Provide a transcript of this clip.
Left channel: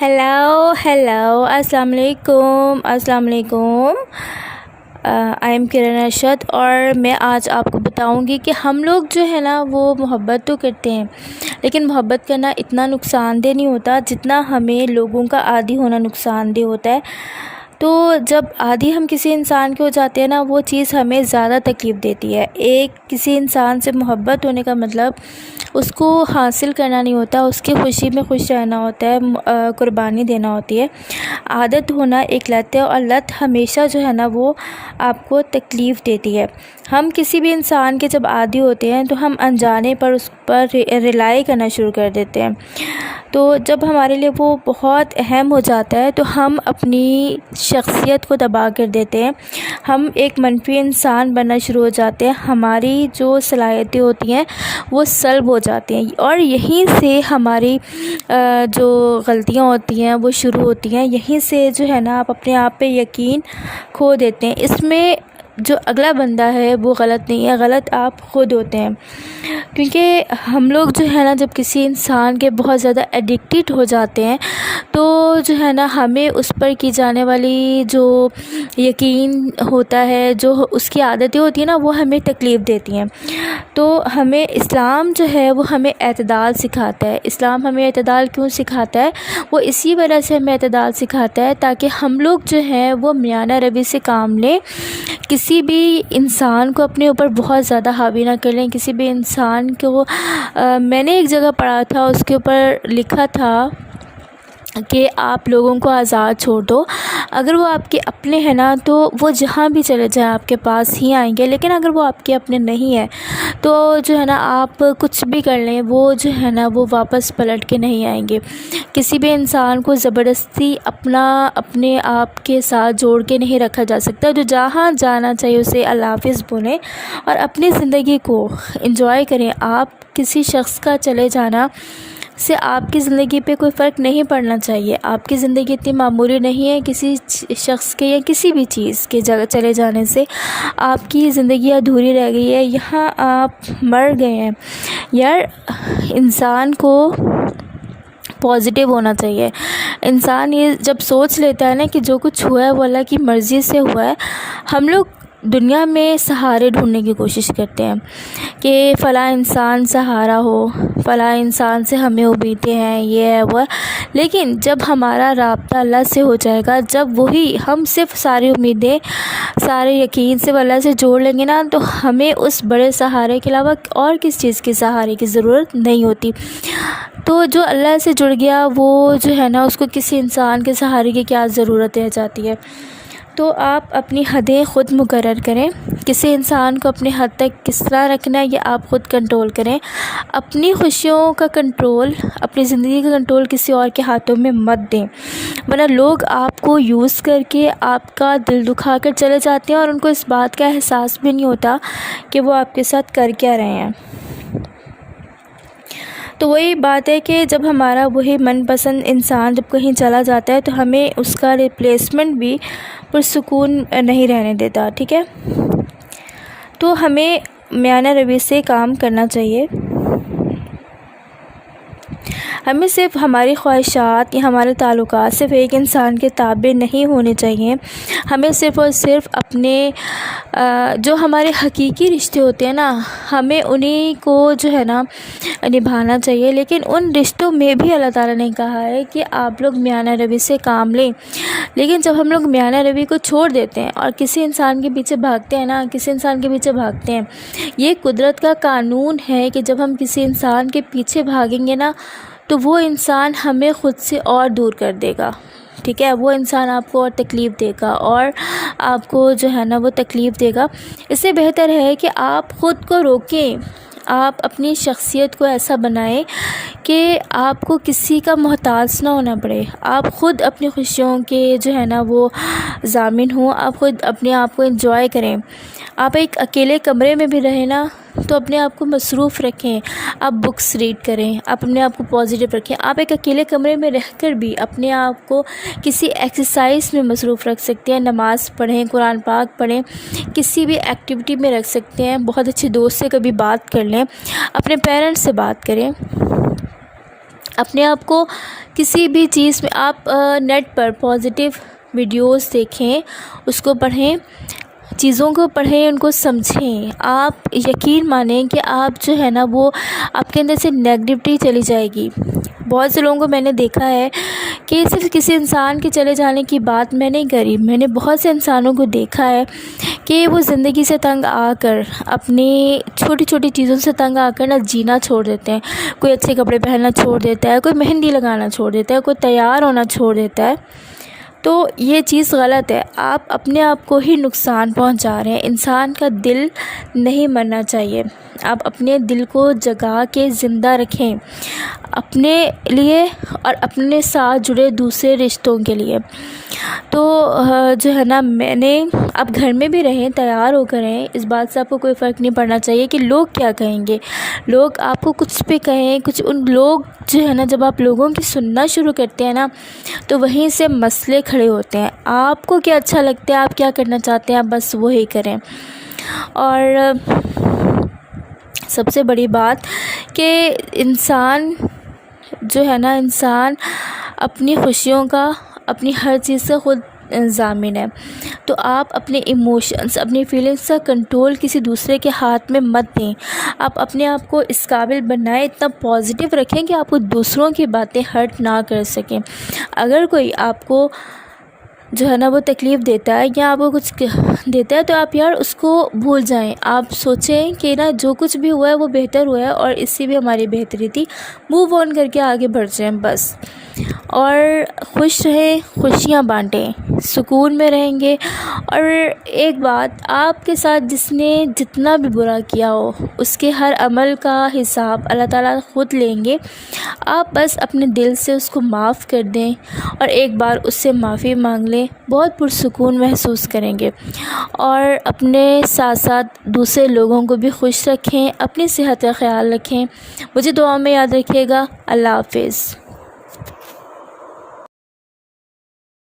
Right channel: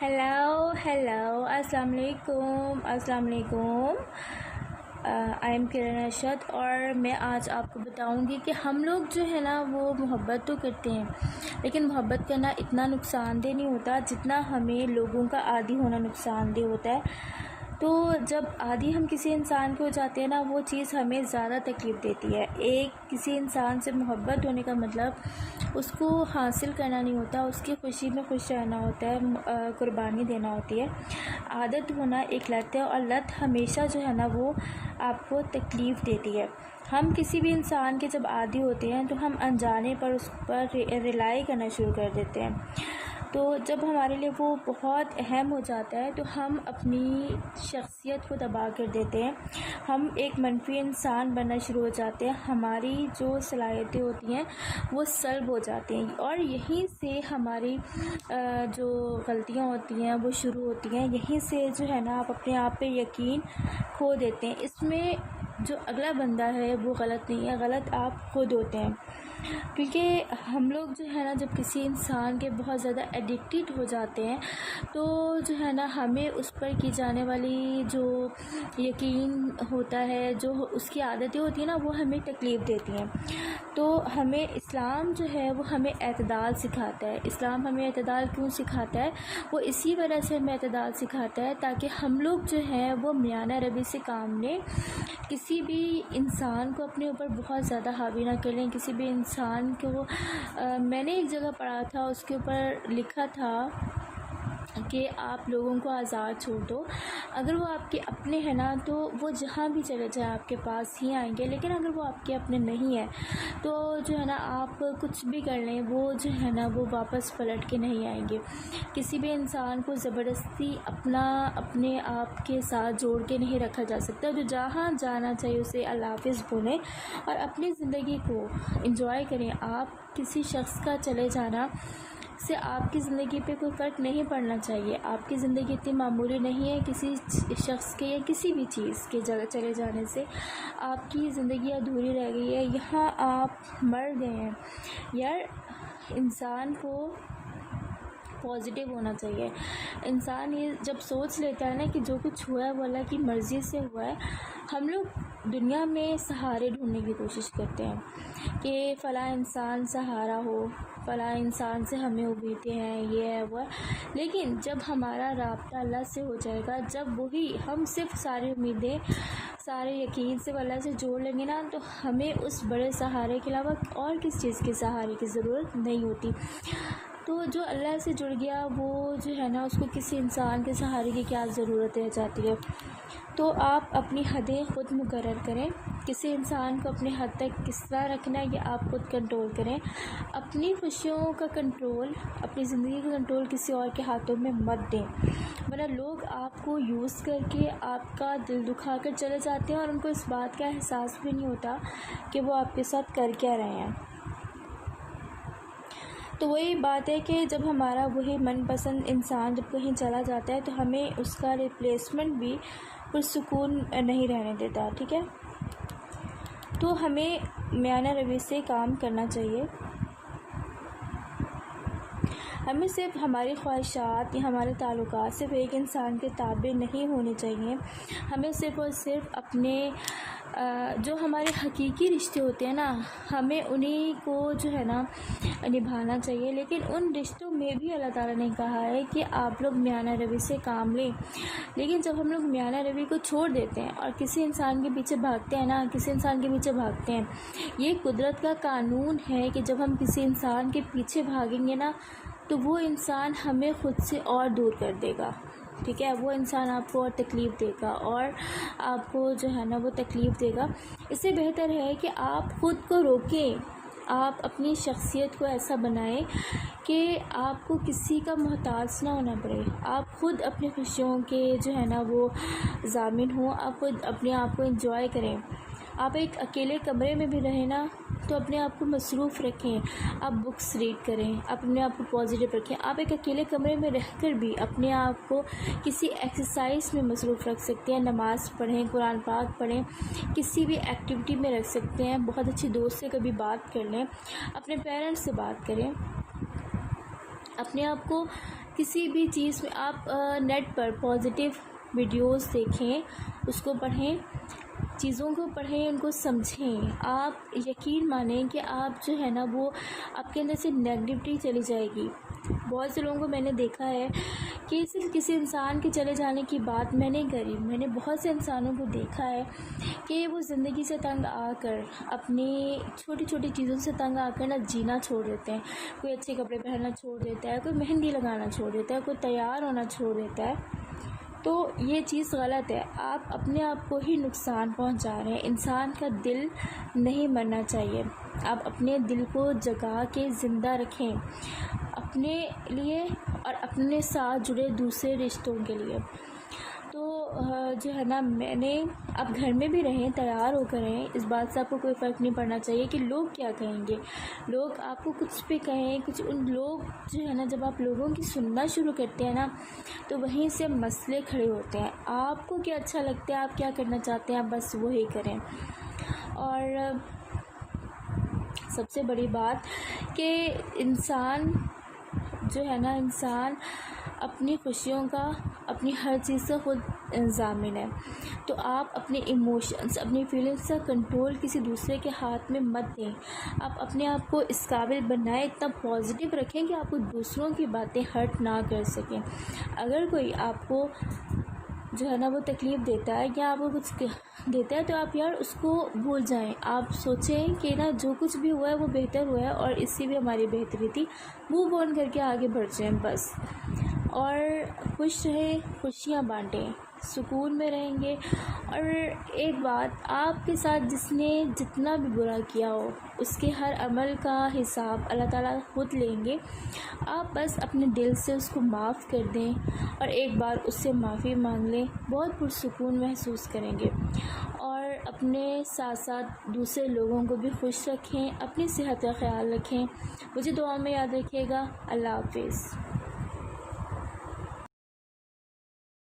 Hello अस्सलाम वालेकुम। I am किरण अरशद और मैं आज आपको बताऊंगी कि हम लोग जो है ना वो मोहब्बत तो करते हैं, लेकिन मोहब्बत करना इतना नुकसानदेह नहीं होता जितना हमें लोगों का आदी होना नुकसानदेह होता है। तो जब आदी हम किसी इंसान के हो जाते हैं ना, वो चीज़ हमें ज़्यादा तकलीफ़ देती है। किसी इंसान से मोहब्बत होने का मतलब उसको हासिल करना नहीं होता, उसकी खुशी में खुश रहना होता है, कुर्बानी देना होती है। आदत होना एक लत है और लत हमेशा जो है ना वो आपको तकलीफ़ देती है। हम किसी भी इंसान के जब आदी होते हैं तो हम अनजाने पर उस पर रिलाई करना शुरू कर देते हैं। तो जब हमारे लिए वो बहुत अहम हो जाता है तो हम अपनी शख्सियत को तबाह कर देते हैं। हम एक मनफी इंसान बनना शुरू हो जाते हैं, हमारी जो सलाहियतें होती हैं वो सल्ब हो जाती हैं और यहीं से हमारी जो गलतियां होती हैं वो शुरू होती हैं। यहीं से जो है ना आप अपने आप पे यकीन खो देते हैं। इसमें जो अगला बंदा है वो गलत नहीं है, गलत आप खुद होते हैं। क्योंकि हम लोग जो है ना जब किसी इंसान के बहुत ज़्यादा एडिक्टेड हो जाते हैं तो जो है ना हमें उस पर की जाने वाली जो यकीन होता है, जो उसकी आदतें होती हैं ना, वो हमें तकलीफ़ देती हैं। तो हमें इस्लाम जो है वो हमें एतदाल सिखाता है। इस्लाम हमें एतदाल क्यों सिखाता है? वो इसी वजह से हमें एतदाल सिखाता है ताकि हम लोग जो है वो मियाना रवि से काम लें, किसी भी इंसान को अपने ऊपर बहुत ज़्यादा हावी ना कर लें। किसी भी इंसान को मैंने एक जगह पढ़ा था, उसके ऊपर लिखा था कि आप लोगों को आज़ाद छोड़ दो, अगर वो आपके अपने हैं ना तो वो जहाँ भी चले जाएं आपके पास ही आएंगे, लेकिन अगर वो आपके अपने नहीं है तो जो है ना आप कुछ भी कर लें वो जो है ना वो वापस पलट के नहीं आएंगे। किसी भी इंसान को ज़बरदस्ती अपने आप के साथ जोड़ के नहीं रखा जा सकता। जो जहाँ जाना चाहिए उसे अल्लाह हाफ़िज़ बोलें और अपनी ज़िंदगी को एंजॉय करें। आप किसी शख्स का चले जाना से आपकी ज़िंदगी पे कोई फ़र्क नहीं पड़ना चाहिए। आपकी ज़िंदगी इतनी मामूली नहीं है, किसी शख्स के या किसी भी चीज़ के जगह चले जाने से आपकी ज़िंदगी अधूरी रह गई है। यहाँ आप मर गए हैं। यार, इंसान को पॉजिटिव होना चाहिए। इंसान ये जब सोच लेता है ना कि जो कुछ हुआ है वो अल्लाह की मर्ज़ी से हुआ है। हम लोग दुनिया में सहारे ढूंढने की कोशिश करते हैं कि फ़लाँ इंसान सहारा हो, फ़लाँ इंसान से हमें उम्मीदें हैं, ये है वो है। लेकिन जब हमारा राब्ता अल्लाह से हो जाएगा, जब वही हम सिर्फ सारी उम्मीदें, सारे यकीन सिर्फ अल्लाह से जोड़ लेंगे ना, तो हमें उस बड़े सहारे के अलावा और किस चीज़ के सहारे की ज़रूरत नहीं होती। तो जो अल्लाह से जुड़ गया वो जो है ना उसको किसी इंसान के सहारे की क्या ज़रूरत रह जाती है। तो आप अपनी हदें ख़ुद मुकर्रर करें। किसी इंसान को अपने हद तक किस तरह रखना है ये आप ख़ुद कंट्रोल करें। अपनी खुशियों का कंट्रोल, अपनी ज़िंदगी का कंट्रोल किसी और के हाथों में मत दें, वरना लोग आपको यूज़ करके आपका दिल दुखा कर चले जाते हैं और उनको इस बात का एहसास भी नहीं होता कि वो आपके साथ कर क्या रहे हैं। तो वही बात है कि जब हमारा वही मनपसंद इंसान जब कहीं चला जाता है तो हमें उसका रिप्लेसमेंट भी पुरसुकून नहीं रहने देता, ठीक है। तो हमें मियाना रवि से काम करना चाहिए। हमें सिर्फ हमारी ख्वाहिशात या हमारे ताल्लुकात सिर्फ एक इंसान के ताबे नहीं होने चाहिए। हमें सिर्फ़ और सिर्फ अपने जो हमारे हकीकी रिश्ते होते हैं ना, हमें उन्हीं को जो है ना निभाना चाहिए। लेकिन उन रिश्तों में भी अल्लाह ताला ने कहा है कि आप लोग मियाना रवि से काम लें। लेकिन जब हम लोग मियाना रवि को छोड़ देते हैं और किसी इंसान के पीछे भागते हैं ना, किसी इंसान के पीछे भागते हैं, ये कुदरत का कानून है कि जब हम किसी इंसान के पीछे भागेंगे ना तो वो इंसान हमें ख़ुद से और दूर कर देगा, ठीक है। वो इंसान आपको और तकलीफ़ देगा और आपको जो है ना वो तकलीफ़ देगा। इससे बेहतर है कि आप ख़ुद को रोकें, आप अपनी शख्सियत को ऐसा बनाएं कि आपको किसी का मोहताज ना होना पड़े। आप ख़ुद अपनी खुशियों के जो है ना वो ज़ामिन हों, आप ख़ुद अपने आप को एंजॉय करें। आप एक अकेले कमरे में भी रहें ना तो अपने आप को मसरूफ़ रखें, आप बुक्स रीड करें, अपने आप को पॉजिटिव रखें। आप एक अकेले कमरे में रहकर भी अपने आप को किसी एक्सरसाइज में मसरूफ़ रख सकते हैं। नमाज़ पढ़ें, कुरान पाक पढ़ें, किसी भी एक्टिविटी में रख सकते हैं। बहुत अच्छे दोस्त से कभी बात कर लें, अपने पेरेंट्स से बात करें, اپنے آپ کو کسی بھی چیز میں آپ نیٹ پر پازیٹیو ویڈیوز دیکھیں، اس کو پڑھیں، چیزوں کو پڑھیں، ان کو سمجھیں. آپ یقین مانیں کہ آپ جو ہے نا وہ آپ کے اندر سے نیگیٹیوٹی چلی جائے گی. بہت سے لوگوں کو میں نے دیکھا ہے کہ صرف کسی انسان کے چلے جانے کی بات میں نہیں کری، میں نے بہت سے انسانوں کو دیکھا ہے کہ وہ زندگی سے تنگ آ کر، اپنی چھوٹی چھوٹی چیزوں سے تنگ آ کر نا جینا چھوڑ دیتے ہیں. کوئی اچھے کپڑے پہننا چھوڑ دیتا ہے، کوئی مہندی لگانا چھوڑ دیتا ہے، کوئی تیار ہونا چھوڑ دیتا ہے. تو یہ چیز غلط ہے. آپ اپنے آپ کو ہی نقصان پہنچا رہے ہیں. انسان کا دل نہیں مرنا چاہیے. آپ اپنے دل کو جگا کے زندہ رکھیں، اپنے لیے اور اپنے ساتھ جڑے دوسرے رشتوں کے لیے. تو جو ہے نا میں نے، آپ گھر میں بھی رہیں، تیار ہو کر رہیں، اس بات سے آپ کو کوئی فرق نہیں پڑنا چاہیے کہ لوگ کیا کہیں گے. لوگ آپ کو کچھ بھی کہیں، کچھ، ان لوگ جو ہے نا جب آپ لوگوں کی سننا شروع کرتے ہیں نا تو وہیں سے مسئلے کھڑے ہوتے ہیں. آپ کو کیا اچھا لگتا ہے، آپ کیا کرنا چاہتے ہیں، آپ بس وہی کریں. اور سب سے بڑی بات کہ انسان جو ہے نا، انسان اپنی خوشیوں کا، اپنی ہر چیز سے خود ضامن ہے. تو آپ اپنے ایموشنز، اپنی فیلنگس کا کنٹرول کسی دوسرے کے ہاتھ میں مت دیں. آپ اپنے آپ کو اس قابل بنائیں، اتنا پازیٹیو رکھیں کہ آپ کو دوسروں کی باتیں ہرٹ نہ کر سکیں. اگر کوئی آپ کو جو ہے نا وہ تکلیف دیتا ہے یا آپ کو کچھ دیتا ہے تو آپ یار اس کو بھول جائیں. آپ سوچیں کہ نا جو کچھ بھی ہوا ہے وہ بہتر ہوا ہے اور اس سے بھی ہماری بہتری تھی. موو آن کر کے آگے بڑھ جائیں بس. اور خوش رہیں، خوشیاں بانٹیں، سکون میں رہیں گے. اور ایک بات، آپ کے ساتھ جس نے جتنا بھی برا کیا ہو اس کے ہر عمل کا حساب اللہ تعالیٰ خود لیں گے. آپ بس اپنے دل سے اس کو معاف کر دیں اور ایک بار اس سے معافی مانگ لیں، بہت پرسکون محسوس کریں گے. اور اپنے ساتھ ساتھ دوسرے لوگوں کو بھی خوش رکھیں، اپنی صحت کا خیال رکھیں. مجھے دعا میں یاد رکھیے گا. اللہ حافظ.